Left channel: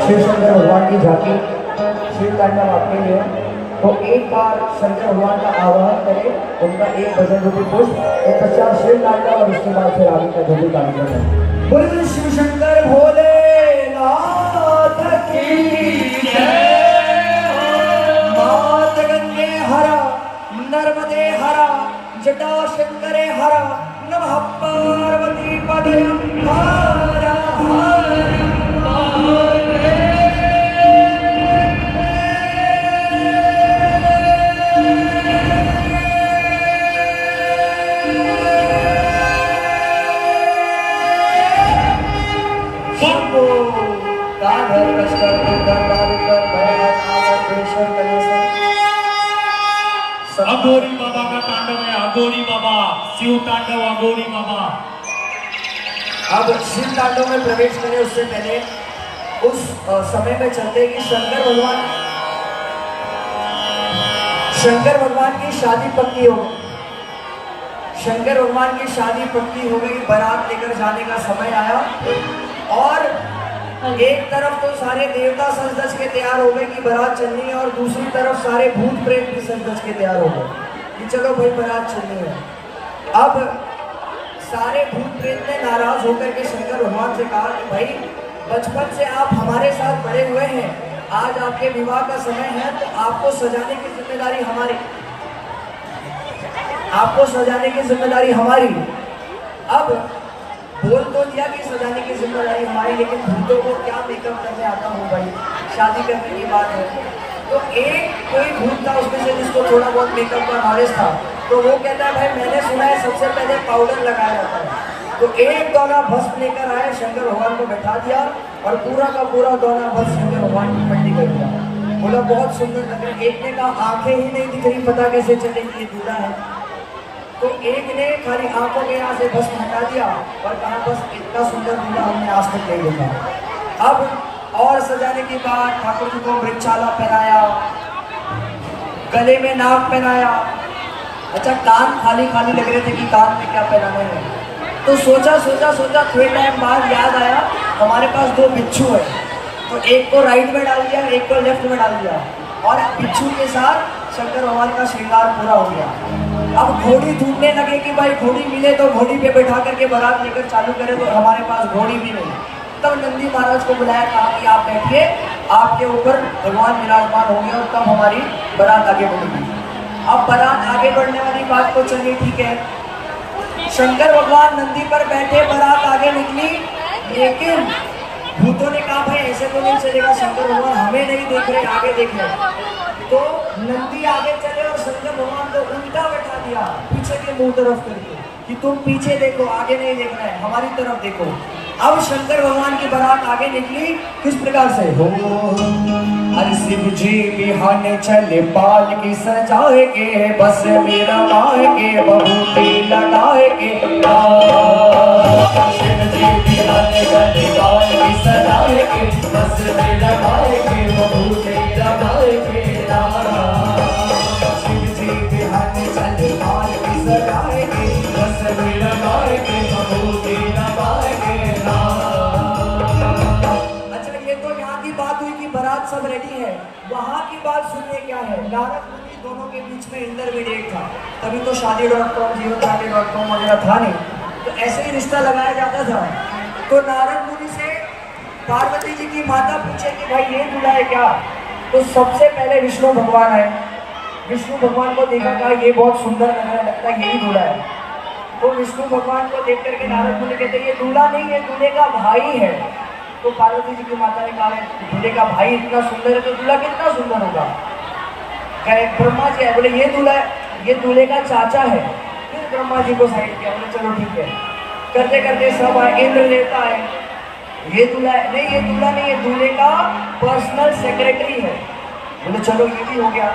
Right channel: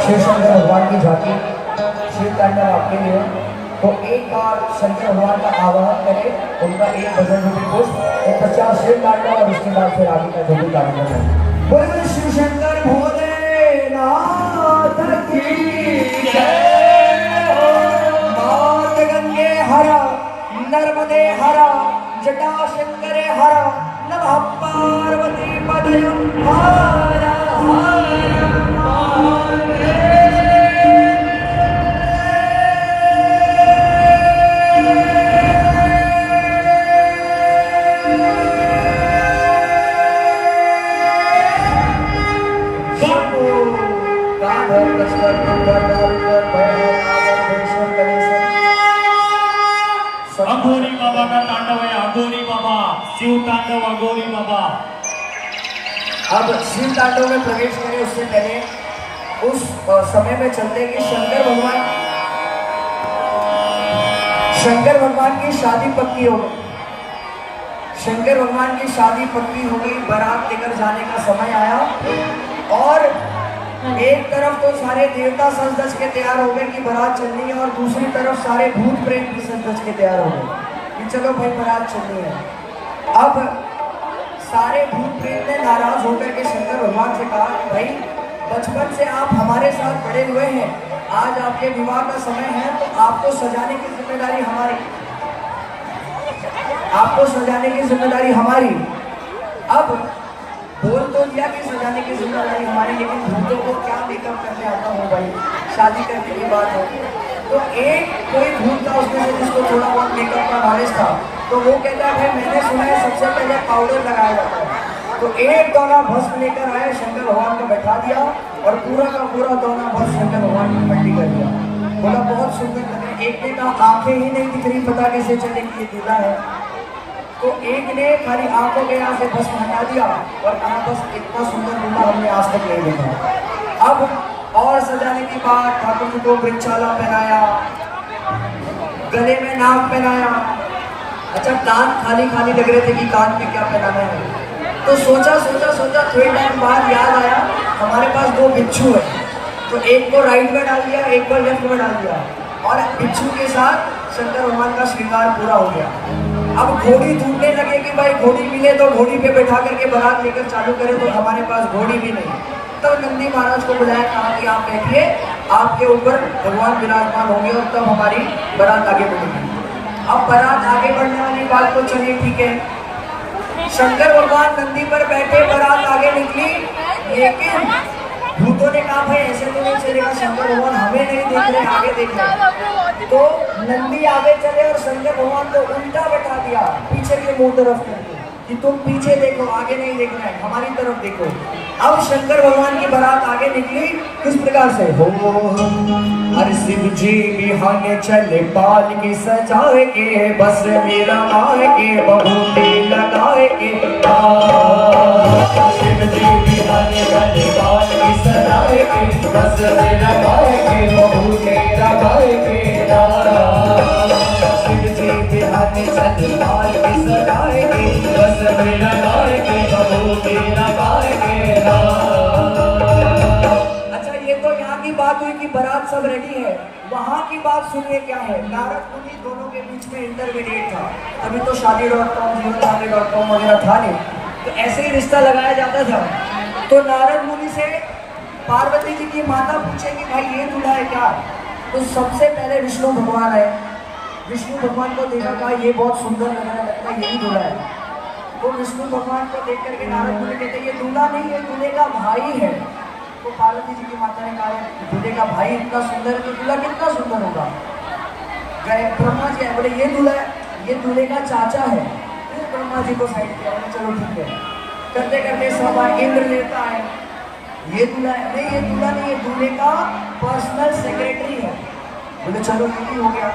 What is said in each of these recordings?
शिव शंकर भगवान की झांकी शिव तांडव आपके लिए। तो एक बार शंकर भगवान का आवाहन करें, उनका एक भजन रूपी पुष्प, एक पश्चात शिव तांडव और उसके बाद फिर आगे का जरूर कार्यक्रम। बोलो शिव शंकर भोलेनाथ की जय। मात गंगे हरा नर्मदे हरा जटा शंकरे हरा नमः पार्वती पदे हरा अघोरी बाबा का तांडव है। अघोरी बाबा, शिव तांडव, अघोरी बाबा। अब शिव तांडव में प्रवेश करें उससे पहले उस समय में चलते कि शंकर भगवान की शादी पक्की हो गई। शंकर भगवान की शादी पक्की हो गई, बारात लेकर जाने का समय आया और एक तरफ तो सारे देवता सज धज के तैयार हो गए कि बारात चलनी है और दूसरी तरफ सारे भूत प्रेत भी सज धज के तैयार हो गए कि चलो भाई बारात चलनी है। अब सारे भूत प्रेत ने नाराज होकर के शंकर भगवान से कहा कि भाई बचपन से आप हमारे साथ बड़े हुए हैं, आज आपके विवाह का समय है तो आपको सजाने की जिम्मेदारी हमारी, आपको सजाने की जिम्मेदारी हमारी। अब बोल तो दिया कि सजाने की जिम्मेदारी हमारी, लेकिन भूतों को क्या मेकअप करने आता हूँ भाई, शादी करने की बात हो। तो एक कोई भूत था उसमें से जिसको थोड़ा बहुत मेकअप का नॉलेज था, तो वो कहता है भाई मैंने सुना है सबसे पहले पाउडर लगाया जाता है। तो एक दोना भस्म लेकर आए, शंकर भगवान को बैठा दिया और पूरा का पूरा दोना भस्म शंकर भगवान की पट्टी कर दिया। बोला बहुत सुंदर लग रहा है। एक ने कहा आंखें ही नहीं दिख रही, पता कैसे चले कि ये दूल्हा है। तो एक ने खाली आंखों के यहाँ से भस्म हटा दिया और कहा बस इतना सुंदर दूल्हा हमने आज तक नहीं देखा। अब और सजाने की बात, ठाकुर जी को वृक्षाला पहनाया, गले में नाक पहनाया। अच्छा कान खाली खाली लग रहे थे कि कान में क्या पहनाना है। तो सोचा थोड़ी टाइम बाद याद आया हमारे पास दो बिच्छू है, तो एक को राइट में डाल दिया, एक को लेफ्ट में डाल दिया और बिच्छू के साथ शंकर भगवान का श्रृंगार पूरा हो गया। अब घोड़ी ढूंढने लगे कि भाई घोड़ी मिले तो घोड़ी पे बैठा करके बारात लेकर चालू करें, तो हमारे पास घोड़ी भी नहीं। तब नंदी महाराज को बुलाया, कहा कि आप बैठिए, आपके ऊपर भगवान विराजमान होंगे और तब हमारी बारात आगे बढ़ेगी। अब बारात आगे बढ़ने वाली बात तो चलिए ठीक है, शंकर भगवान नंदी पर बैठे, बारात आगे निकली, लेकिन भूतों ने कहा भाई ऐसे तो नहीं चलेगा, शंकर भगवान हमें नहीं देख रहे, आगे देख रहे। तो नंदी आगे चले और शंकर भगवान को उल्टा बैठा दिया, पीछे के मुंह तरफ करके कि तुम पीछे देखो, आगे नहीं देखना है, हमारी तरफ देखो। अब शंकर भगवान की बारात आगे निकली किस प्रकार से, हो हर शिव जी बिहाने चले पाल की सजाए के, बस मेरा माए के बहुती लगाए के। शिव जी बिहाने चले पाल की सजाए के, बस मेरा माए के बहुती लगाए के। शिव जी बिहाने चले पाल की सजाए के, बस मेरा माए के बहुती लगाए के। की बात हुई कि बारात सब रेडी है, वहां की बात सुनिए क्या है। नारद मुनि दोनों के बीच में इंटरमीडिएट था, तभी तो शादी.com, जीवनसाथी.com वगैरह था नहीं, तो ऐसे ही रिश्ता लगाया जाता था। तो नारद मुनि से पार्वती जी की माता पूछे कि भाई ये दूल्हा है क्या। तो सबसे पहले विष्णु भगवान आए, विष्णु भगवान को देखा, कहा ये बहुत सुंदर लग रहा है, लगता है यही दूल्हा है। तो विष्णु भगवान को देख करके नारद मुनि कहते ये दूल्हा नहीं है, दूल्हे का भाई है। तो पार्वती जी की माता ने कहा दूल्हे का भाई इतना सुंदर है तो दूल्हा कितना सुंदर होगा। कहे ब्रह्मा जी है, बोले ये दूल्हा है, ये दूल्हे का चाचा है। फिर ब्रह्मा जी को साइड किया, बोले चलो ठीक है। करते करते सब आए, इंद्र देवता है, ये दूल्हा है, नहीं ये दूल्हा नहीं है, दूल्हे का पर्सनल सेक्रेटरी है। बोले चलो ये भी हो गया।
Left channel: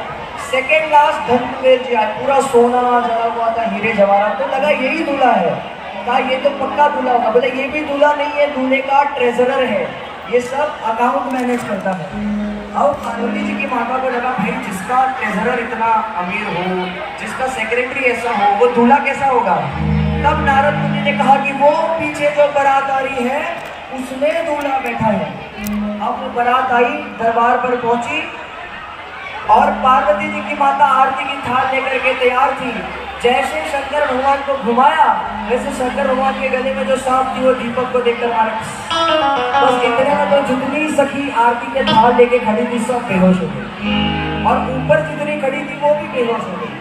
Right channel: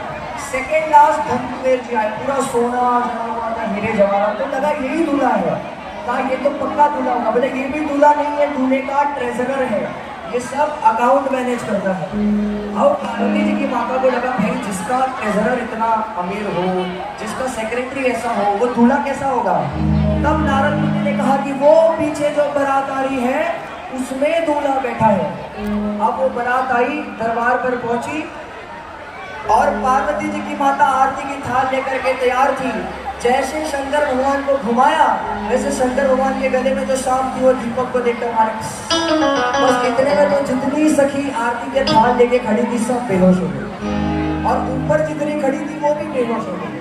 सेकेंड लास्ट धनकुबेर जी आए, पूरा सोना जड़ा हुआ था, हीरे जवाहरात, तो लगा यही दूल्हा है। कहा ये तो पक्का दूल्हा होगा। बोले ये भी दूल्हा नहीं है, दूल्हे का ट्रेजरर है, ये सब अकाउंट मैनेज करता है। अब पार्वती जी की माता को लगा भाई जिसका ट्रेजरर इतना अमीर हो, जिसका सेक्रेटरी ऐसा हो, वो दूल्हा कैसा होगा। तब नारद मुनि ने कहा कि वो पीछे जो बारात आ रही है उसमें दूल्हा बैठा है। अब वो बारात आई, दरबार पर पहुंची और पार्वती जी की माता आरती की थाल लेकर के तैयार थी। जैसे शंकर भगवान को घुमाया, वैसे शंकर भगवान के गले में जो सांप थी वो दीपक को देखकर मारे। बस इतने में तो जितनी सखी आरती के थाल लेके खड़ी थी सब बेहोश हो गई, और ऊपर जितनी खड़ी थी वो भी बेहोश हो गई।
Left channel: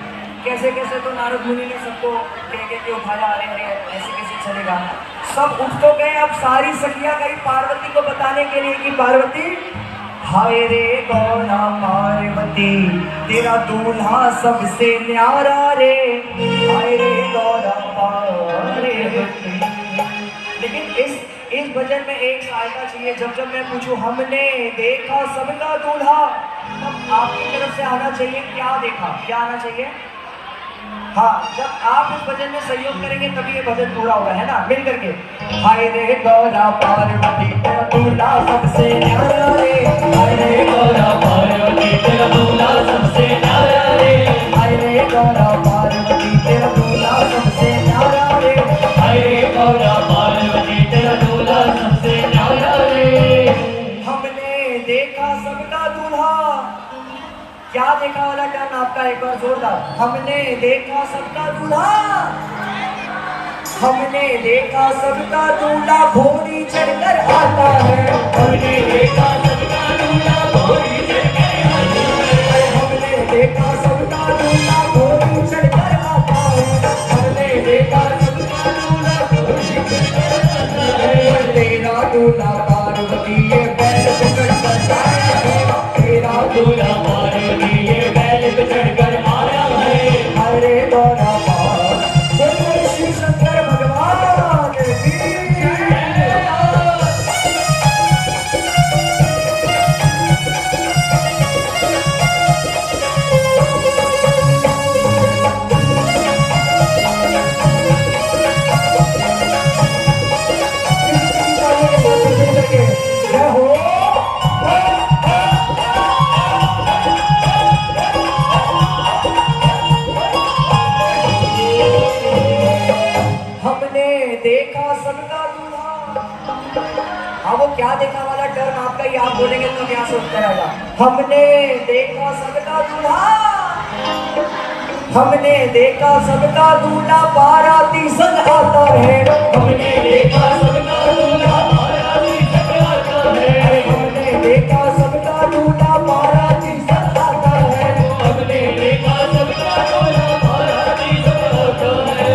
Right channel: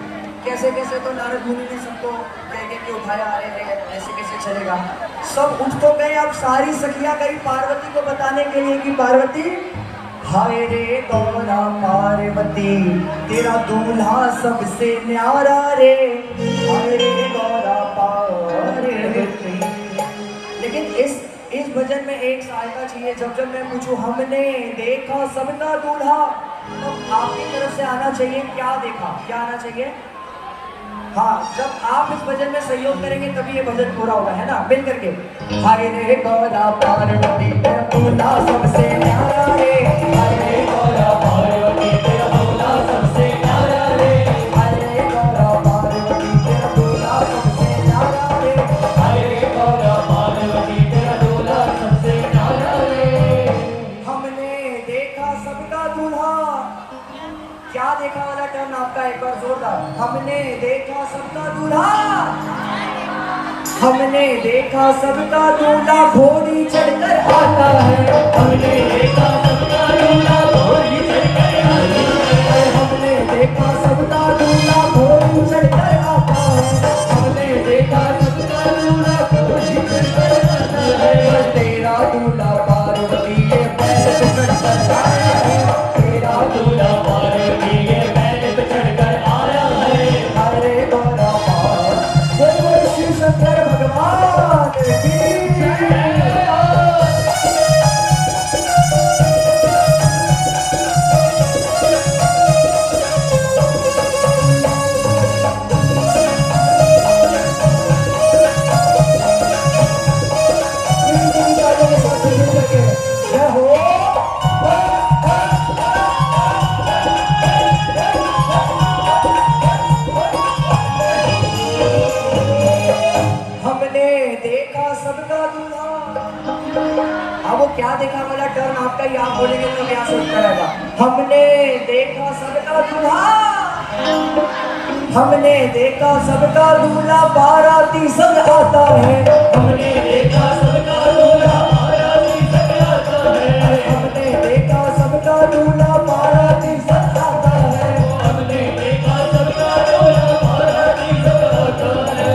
कैसे कैसे तो नारद मुनि ने सबको कह के उठाया, अरे ऐसे कैसे चलेगा। सब उठ तो गए। अब सारी सखियां गई पार्वती को बताने के लिए कि पार्वती, हाय रे गौरा पार्वती, तेरा दूल्हा सबसे न्यारा रे, हाय रे गौरा पार्वती। लेकिन इस भजन में एक सहायता चाहिए। जब मैं पूछूं हमने देखा सबका दूल्हा, तब आपकी तरफ से आना चाहिए क्या देखा, क्या आना चाहिए। हाँ, जब आप इस भजन में सहयोग करेंगे तभी ये भजन पूरा होगा, है ना। मिल करके, हाय रे गौरा पार्वती, तेरा दूल्हा सबसे न्यारा रे, हाय रे गौरा पार्वती, तेरा दूल्हा सबसे न्यारा रे, हाय रे गौरा पार्वती, तेरा दूल्हा सबसे न्यारा रे, हाय रे गौरा पार्वती, तेरा दूल्हा सबसे न्यारा रे। हमने देखा सबका दूल्हा, क्या देखा वाला टर्न आपका एक बार जोरदार। हमने देखा सबका दूल्हा, हमने देखा सबका दूल्हा घोड़ी चढ़कर आता है, हमने देखा सबका दूल्हा घोड़ी चढ़कर आता है, हमने देखा सबका दूल्हा घोड़ी चढ़कर आता है, हमने देखा सबका दूल्हा घोड़ी चढ़कर आता है। तेरा दूल्हा पार्वती ये बैल पे चढ़कर आया है, तेरा दूल्हा पार्वती ये बैल पे चढ़कर आया है, हरे गौरा पार्वती, शिव शंकर भगवान की जय। हमने देखा सबका दूल्हा। अब वो क्या देखा वाला टर्न आपका ही आप बोलेंगे तब यहाँ से उत्तर आएगा। हमने देखा सबका दूल्हा, हमने देखा सबका दूल्हा बाराती संग आता है, हमने देखा सबका दूल्हा बाराती संग आता है, हमने देखा सबका दूल्हा बाराती संग आता है, हमने देखा सबका दूल्हा बाराती संग आता है।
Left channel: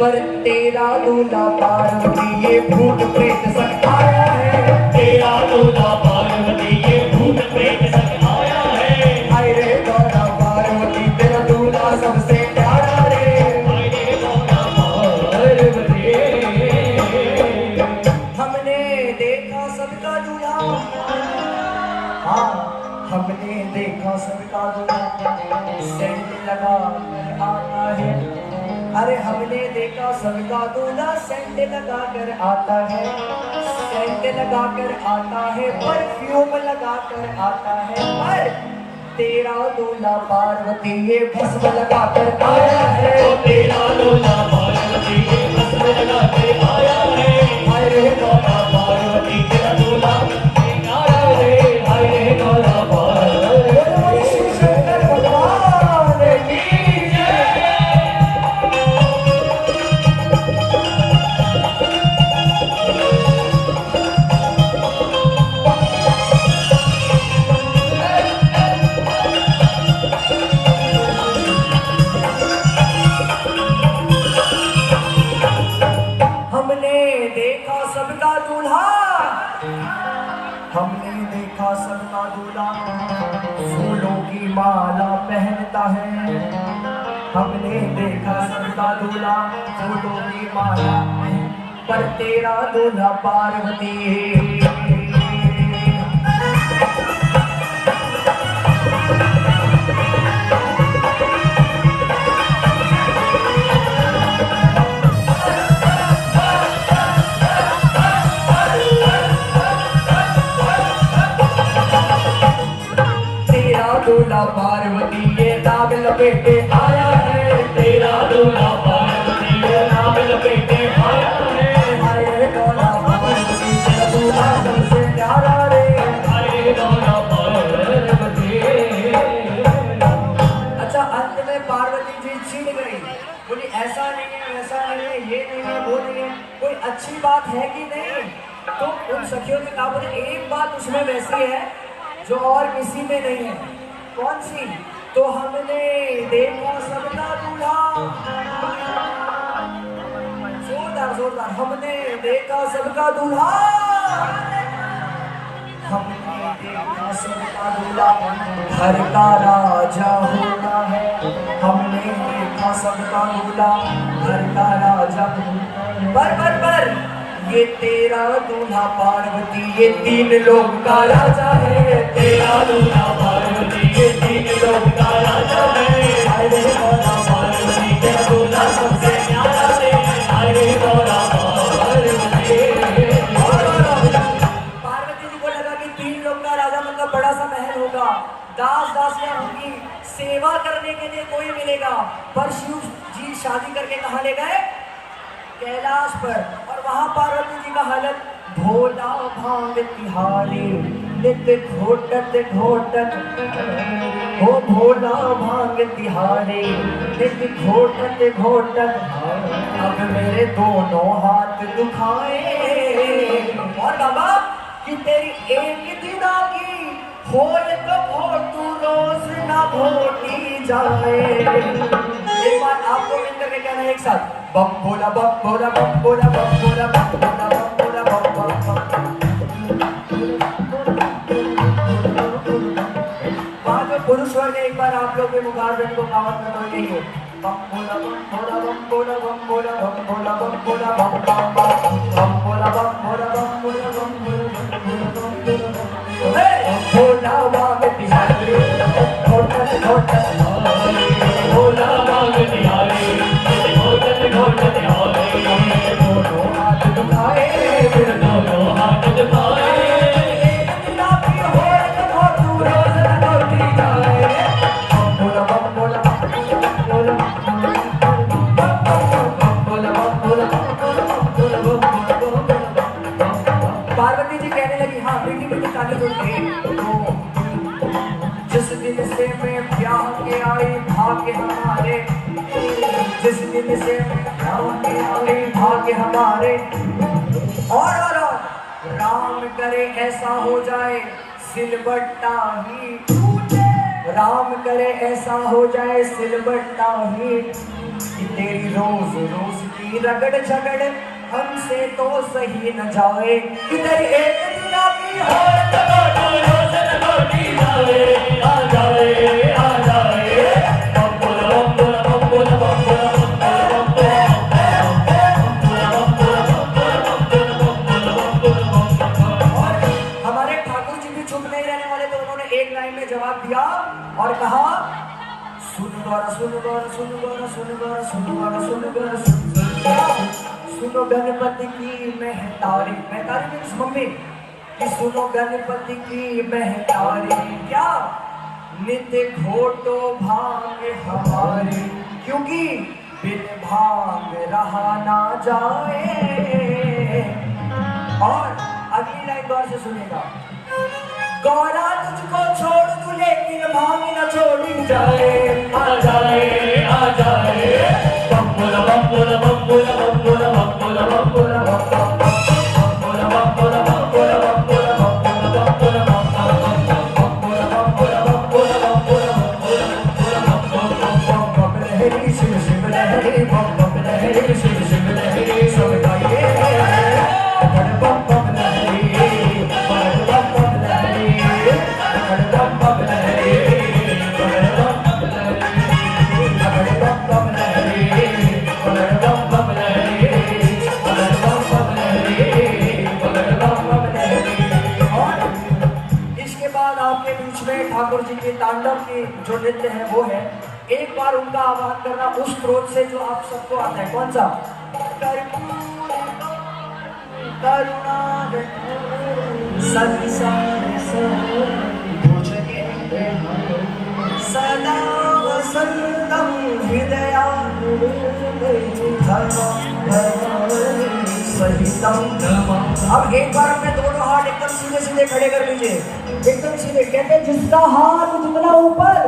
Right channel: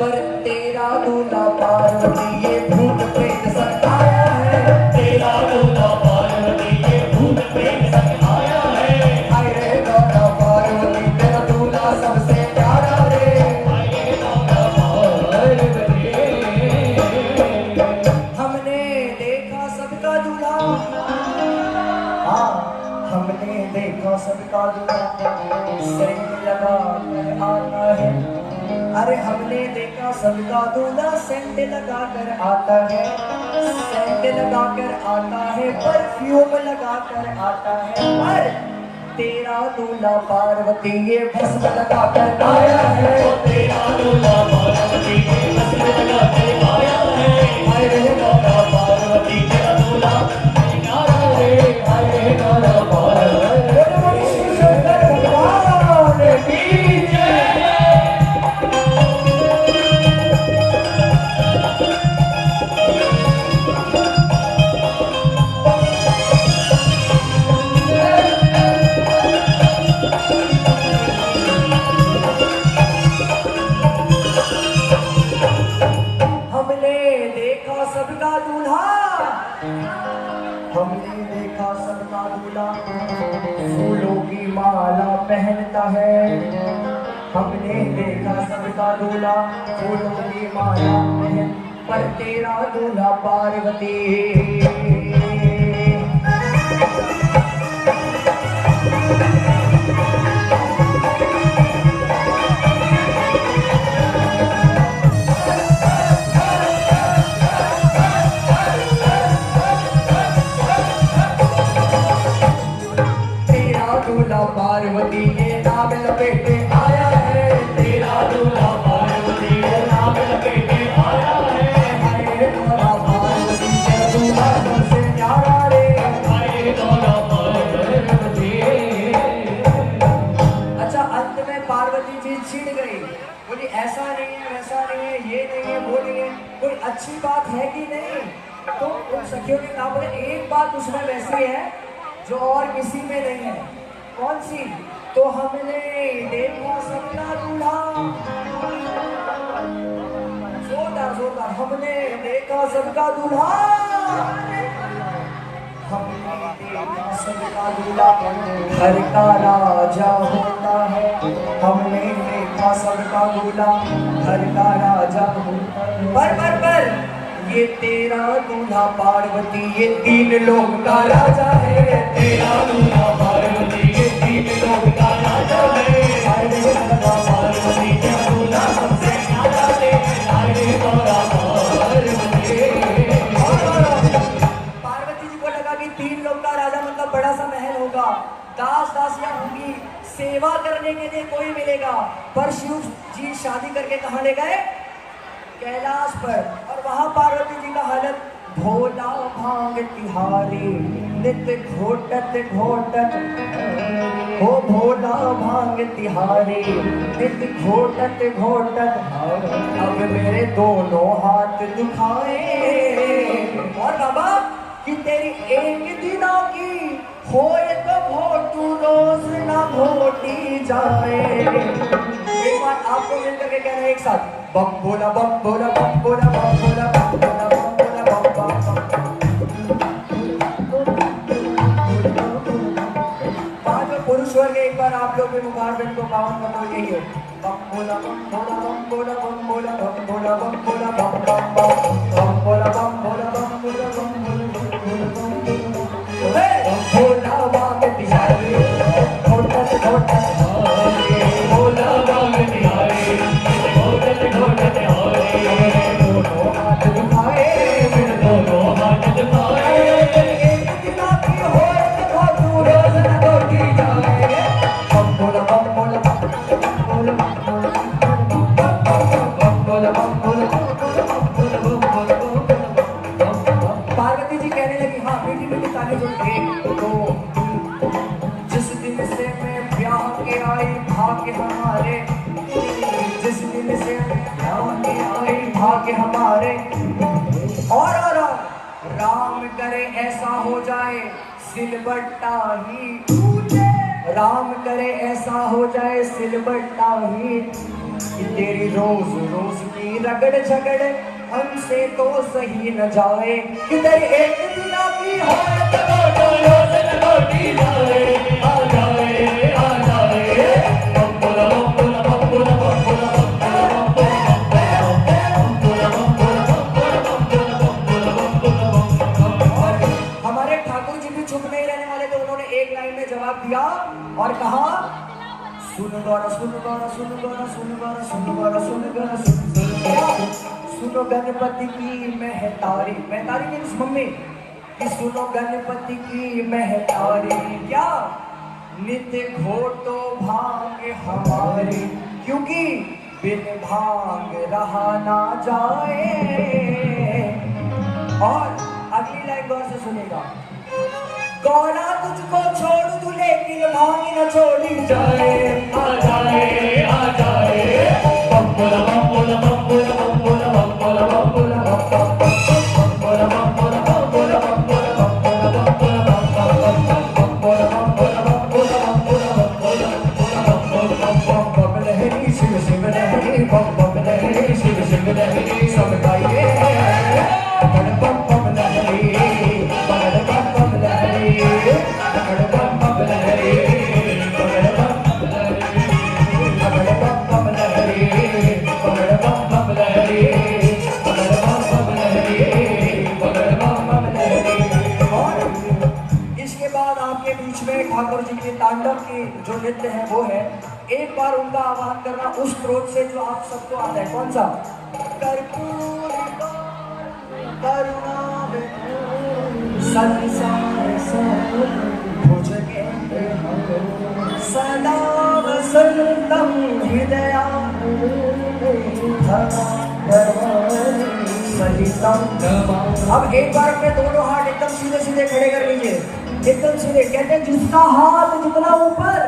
पर तेरा दूल्हा पार्वती ये भूत प्रेत संग आया है, तेरा दूल्हा पार्वती ये भूत प्रेत संग आया है, हाय रे गौरा पार्वती, तेरा दूल्हा सबसे प्यारा रे, हाय रे गौरा पार्वती। हमने देखा सबका दूल्हा, हाँ हमने देखा सबका दूल्हा सेंध लगा कर आता है, अरे हमने देखा सबका दूल्हा सेंध लगा कर आता है, सेंध लगा कर आता है, परफ्यूम लगा कर आता है। पर तेरा दूल्हा पार्वती ये भस्म लगा कर आया है, तेरा दूल्हा पार्वती ये भस्म लगा के आया है, हाय रे गौरा पार्वती, तेरा दूल्हा न्यारा रे, हाय रे गौरा पार्वती, शिव शंकर भगवान की जय। हमने देखा सबका दूल्हा, हमने देखा सबका दूल्हा फूलों की माला पहनता है, हमने देखा सबका दूल्हा फूलों की माला पहन, पर तेरा दूल्हा पार्वती दूल्हा पार्वती ये नाम लपेटे आया है, तेरा दूल्हा पार्वती ये नाम लपेटे आया है, हाय रे गौरा पार्वती, तेरा दूल्हा बात है कि नहीं? तो उन सखियों ने कहा बोले एक बात उसमें वैसी है जो और किसी में नहीं है। कौन सी? तो हमने देखा सबका दूल्हा, जोरदार जोरदार, हमने देखा सबका दूल्हा, हमने देखा सबका दूल्हा, घर का राजा होता है। हमने देखा सबका दूल्हा, घर का राजा होता है। पर ये तेरा दूल्हा पार्वती, ये तीन लोग का राजा है। तेरा दूल्हा पार्वती, ये तीन लोग का राजा है। अरे भोला पार्वती का दूल्हा सबसे न्यारा है। अरे भोला पार्वती जी को लगा कि तीन लोग का राजा मतलब बड़ा सा महल होगा, दास दासियां होंगी, सेवा करने के लिए कोई मिलेगा। पर शिव जी शादी करके कहाँ ले गए? कैलाश पर। और वहां पार्वती जी का हालत, भोला भांग तिहारी नित्य घोटत घोटत, हो भोला भांग तिहारी नित्य घोटत घोटत, अब मेरे दोनों हाथ दुखाए। और बाबा कि तेरी एक दिना की होए तो भोटू रोज ना भोटी जाए। एक बार आपको मिलकर के कहना एक साथ, बम भोला बम भोला बम भोला बम भोला बम भोला बम भोला बम बम। पुरुष वर्ग एक बार आप लोग के मुखारबिंद को पावन करना यही हो, बम भोला बम भोला बम भोला बम भोला बम भोला बम भोला बम बम बम भोला बम भोला बम भोला बम भोला बाग तिहारी घोटत घोटत, भोला बाग तिहारी घोटत घोटत, दोनों हाथ दुखाए, फिर दोनों हाथ दुखाए। एक दिना की होए तो भोटू रोज न भोटी जाए। बम भोला बम भोला बम भोला बम भोला बम भोला पार्वती जी कहने लगी, हाँ बेटी बेटी ताली सुनिए। जिस दिन से मैं ब्याह के आई भाग्य हमारे, जिस दिन से मैं ब्याह के आई भाग्य हमारे, और राम करे ऐसा हो जाए सिलबट्टा ही टूटे, राम करे ऐसा हो जाए सिलबट्टा ही, कि तेरी रोज रोज की रगड़ झगड़ हमसे तो सही न जाए। कि तेरी एक दिना की होए तो रोज न भोटी जाए, आ जाए आ जाए। बम भोला बम भोला बम भोला बम भोला बम भोला। और हमारे ठाकुर जी भी चुप नहीं रहने वाले, तो उन्होंने एक लाइन में जवाब दिया और कहा, सुन गौरा सुन गौरा सुन गौरा सुन गौरा सुन गौरा सुन गौरा सुनो गणपति की महतारी, महतारी मीन्स मम्मी, कि सुनो गणपति की महतारी, क्या नित्य घोटो भांग हमारी, क्योंकि बिन भांग रहा ना जाए। और अगली लाइन गौर से सुनेगा, गौरा तुझको छोड़ दूं लेकिन भांग न छोड़ी जाए, आ जाए आ जाए। बम बोला बम बोला बम बोला बम बोला बम बोला बम बोला बम बोला बम बोला बम बोला बम बोला बम बोला बम बोला बम बोला बम बोला बम बोला बम बोला बम बोला बम बोला बम लहरी शिव शिव लहरी, बम बम लहरी शिव शिव लहरी, सब गाइए बम बम बम लहरी, बम बम बम लहरी, बम बम लहरी, ठाकुर जी के तांडव के जो नृत्य है वो है, एक बार उनका आह्वान करना उस स्रोत से जो आप सबको आता है। कौन सा? सदा वसंतम हृदया अब एक बार अपने दोनों हाथ एकदम सीधे सीधे खड़े कर लीजिए, एकदम सीधे। कहते हैं जिसका हाथ जितना ऊपर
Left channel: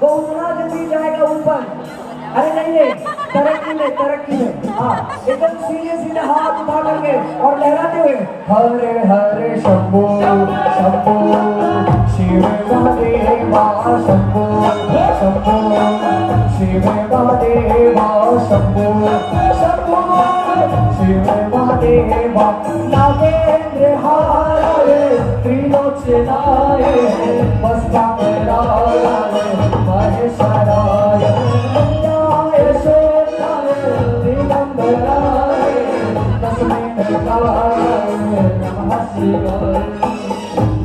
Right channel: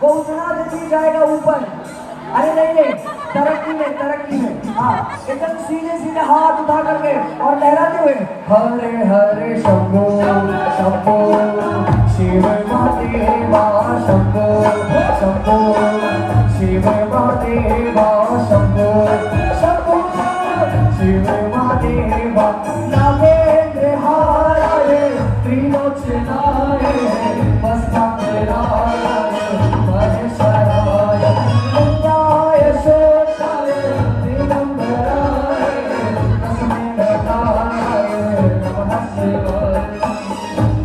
वो उतना जल्दी जाएगा ऊपर। अरे नहीं नहीं, तरक्की में हाँ एकदम सीधे सीधे हाथ उठा करके और लहराते हुए हरे हरे शंभो शंभो शिव महादेवा शंभो शंभो शिव महादेवा शंभो शंभो शिव महादेवा नागेंद्र हारे त्रिलोचनाय वस्त्राय महेश्वराय मंगाय शोकाय दिगंबराय तस्मै नमः शिवाय।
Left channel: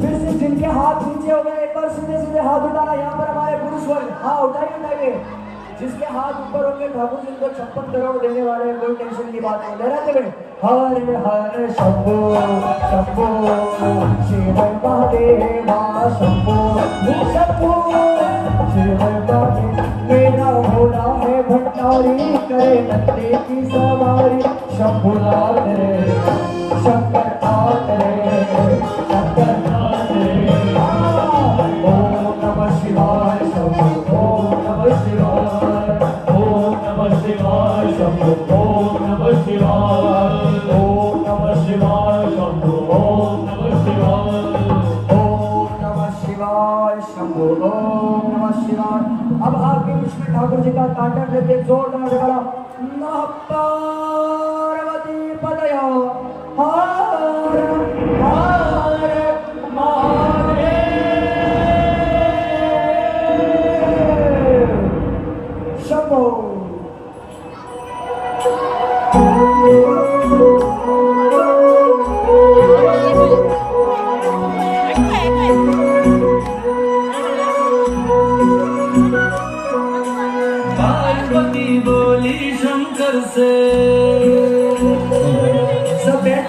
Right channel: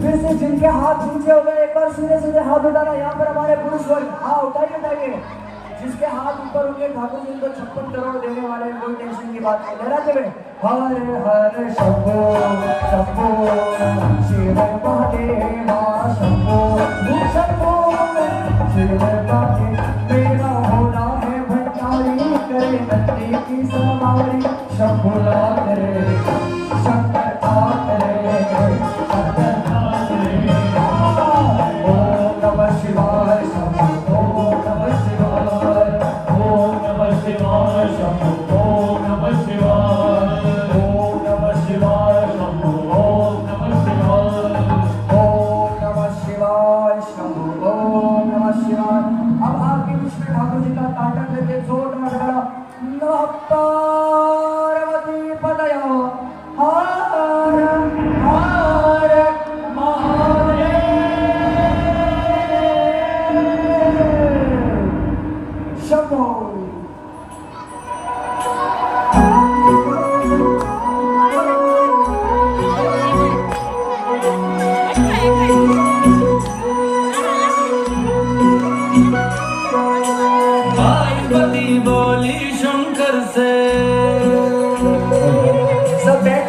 फिर से जिनके हाथ नीचे हो गए एक बार सीधे सीधे हाथ उठाना। यहाँ पर हमारे पुरुष वर्ग हाँ उठाइए जिसके हाथ ऊपर होंगे ठाकुर जी को 56 करोड़ देने वाले हैं, कोई टेंशन की बात नहीं। लहराते हुए हरे हरे शंभो शंभो शिव महादेवा शंभो शंभो शिव महादेव मेरा होना है भंडारी करे नंदी की सवारी शंभुला करे शंकर करे शंकर करे ओम नमः शिवाय शंभो ओम नमः शिवाय ओम नमः शिवाय शंभो ओम नमः शिवाय ओम नमः शिवाय शंभो ओम नमः शिवाय ओम नमः शिवाय शंभो ओम नमः शिवाय। अब आपके बीच में ठाकुर जी का तांडव लेते जोरदार गला नमः पार्वती पतयो हर हर महादेव शंभो। पार्वती बोली शंकर से सब बैठ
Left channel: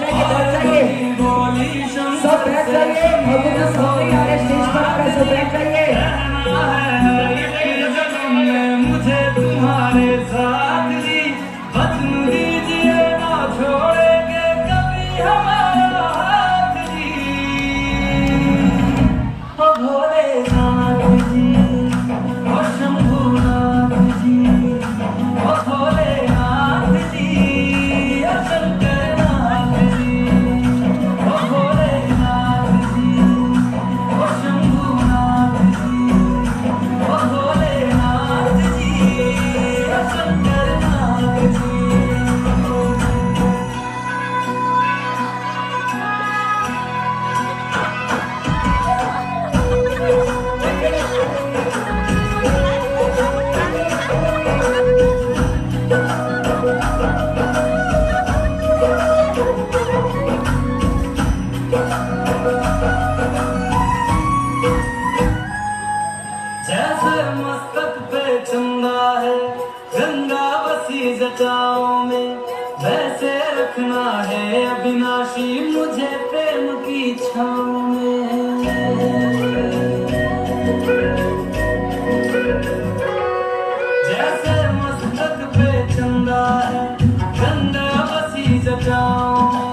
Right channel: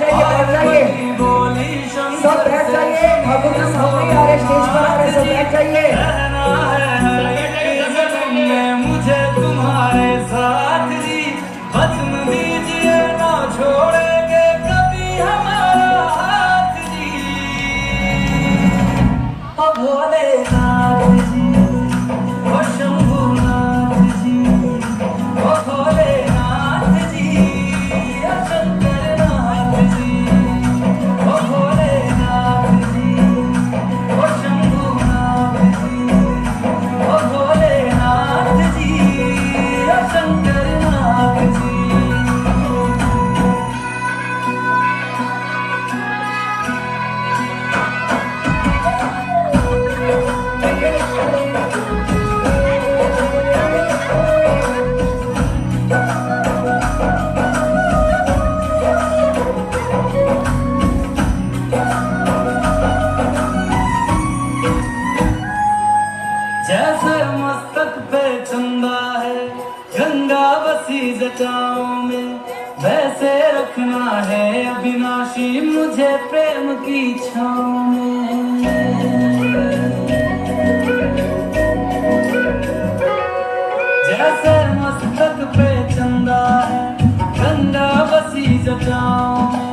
जाइए बोली सब बैठ जाइए ठाकुर जी सामने आ रहे स्टेज पर आ रहे सब बैठ जाइए। मुझे तुम्हारे साथ जी वचन दीजिए ना छोड़ेंगे कभी हमारा हाथ जी ओ भोलेनाथ जी ओ शंभुनाथ जी ओ भोलेनाथ जी ओ शंकरनाथ जी ओ भोलेनाथ जी ओ शंभुनाथ जी ओ भोलेनाथ जी ओ शंकरनाथ जी। जैसे मस्तक पे चंदा है गंगा बसी जटाओं में वैसे रखना है अविनाशी मुझे प्रेम की छाँव में। जैसे मस्तक पे चंदा है गंगा बसी जटाओं में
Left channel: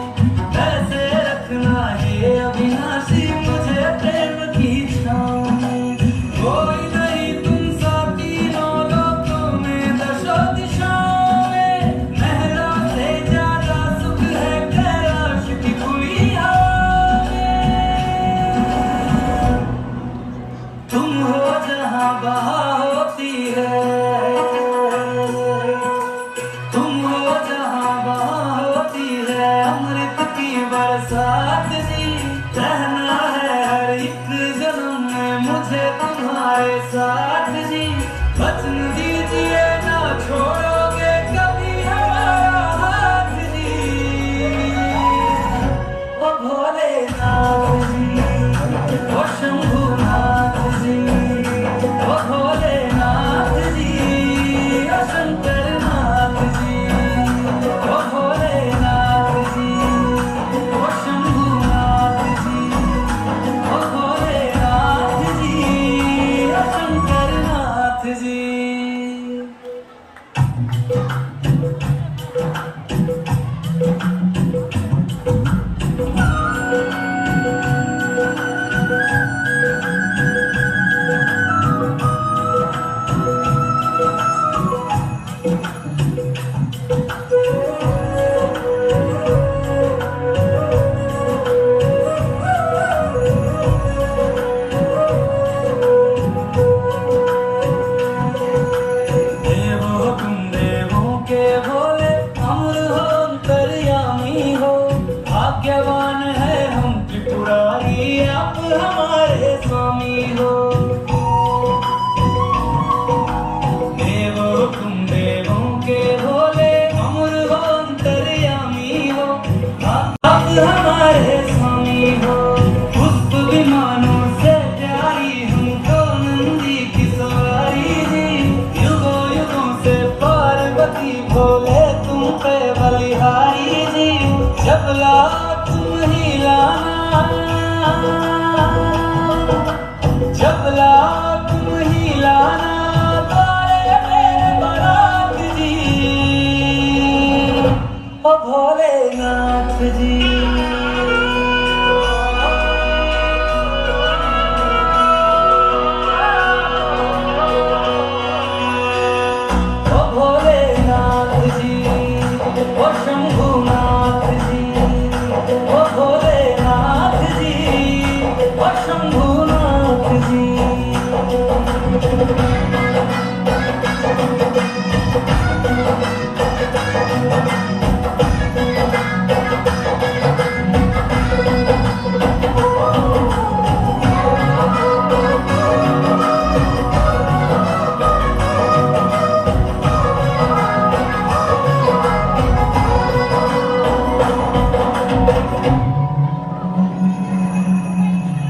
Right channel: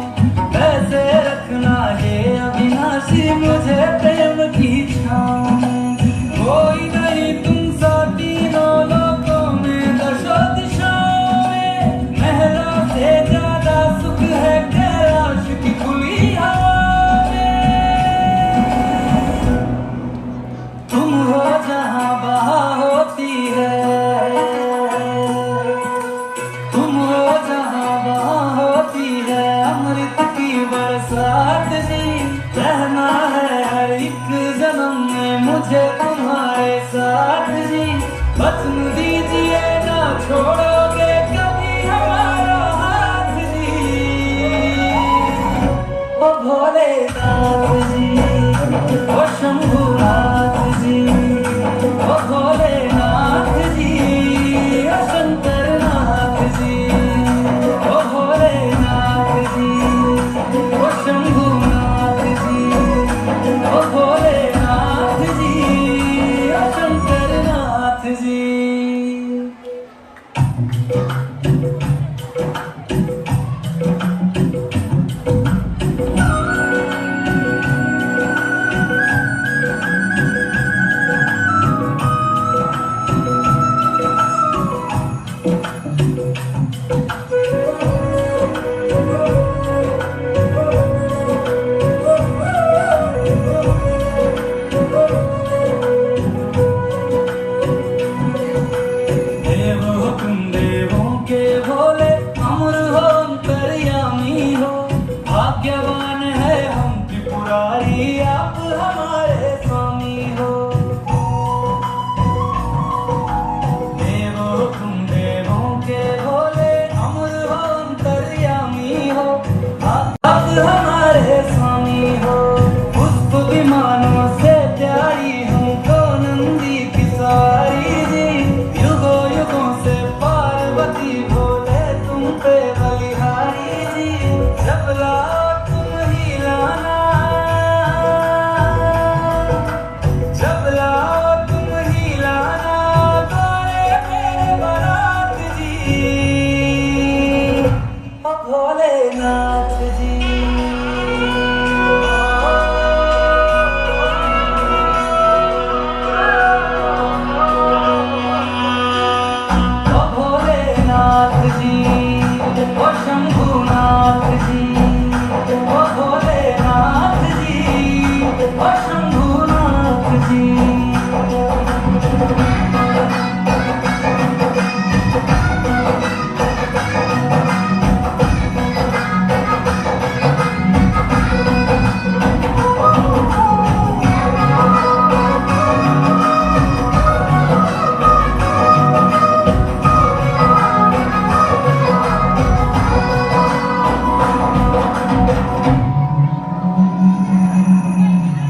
वैसे रखना है अविनाशी मुझे प्रेम की छाँव में। कोई नहीं तुम सा तीनों लोकों में दशो दिशाओं में महलों से ज्यादा सुख है कैलाश की खुली हवा में। तुम हो जहाँ बहा होती है तुम हो जहाँ बहा होती है अमृत की बरसात जी। रहना है हर एक जन्म में मुझे तुम्हारे साथ जी वचन दीजिए ना छोड़ोगे कभी हमारा हाथ जी ओ भोलेनाथ जी ओ शंभुनाथ जी ओ भोलेनाथ जी ओ शंकरनाथ जी ओ भोलेनाथ जी ओ शंभुनाथ जी ओ भोलेनाथ जी ओ शंकरनाथ जी।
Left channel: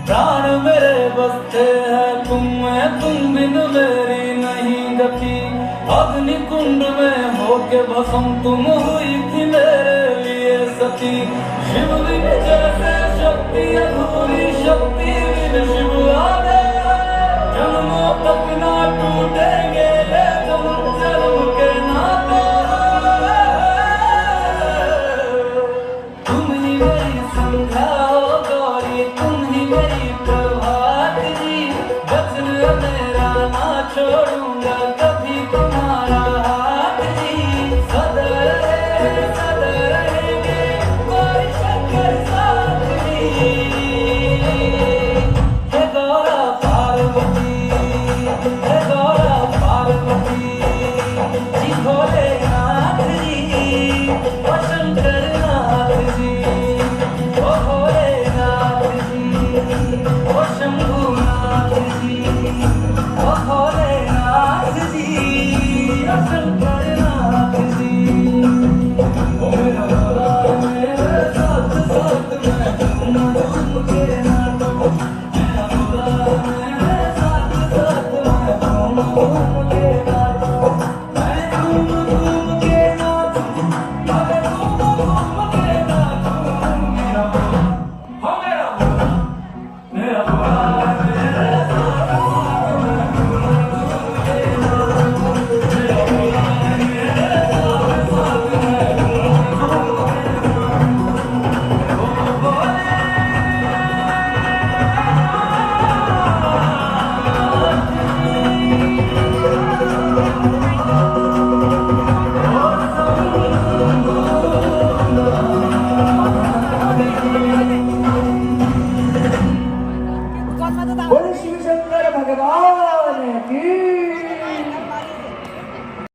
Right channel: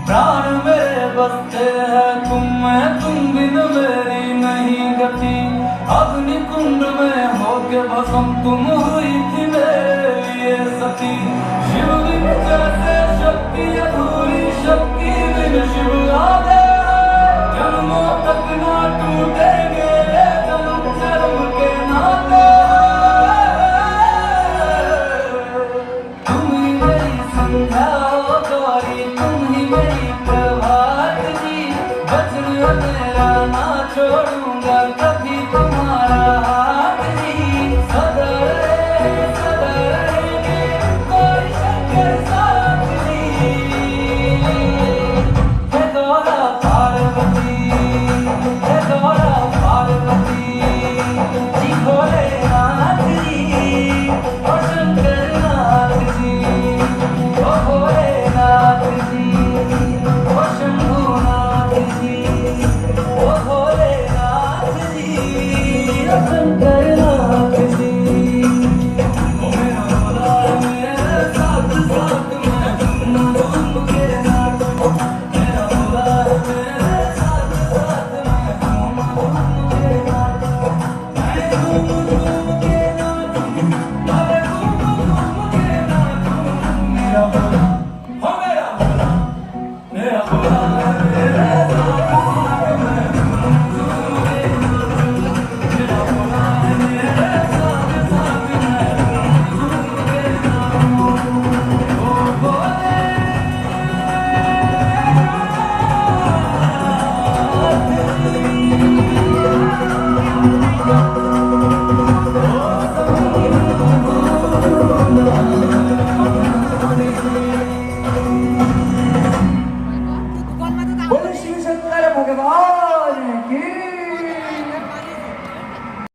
प्राण मेरे बसते हैं तुम में, तुम बिन मेरी नहीं गति। अग्नि कुंड में होके भस्म तुम हुई थी मेरे लिए सती। शिव बिन जैसे शक्ति अधूरी, शक्ति बिन शिव आधे। जन्मों तक ना टूटेंगे जन्म जन्म के नाते। तुम ही मेरी संध्या हो गौरी, तुम ही मेरी प्रभात जी। वचन मेरा ना छोड़ूंगा कभी तुम्हारा हाथ जी। सदा रहेंगे कोई शंकर साथ जी। हे गौरा पार्वती, हे गौरा पार्वती जी। भोलेनाथ जी और शंकर नाथ जी, ओ भोलेनाथ जी ओ शंभुनाथ जी, ओ भोलेनाथ जी ओ शंकर नाथ जी। ओ मेरा भोला मेरे साथ साथ मैं घूम घूम के नाथ। मेरा भोला मेरे साथ साथ मैं घूम घूम के नाथ। मैं घूम घूम के नाथ, अबे घूम घूम के नाथ। मेरा भोला, ओ मेरा भोला, मेरा भोला मेरे साथ साथ मैं घूम घूम के नाथ। मेरा भोला मेरे साथ साथ मैं घूम घूम के नाथ। ओ भोले बोल शिव शंकर भगवान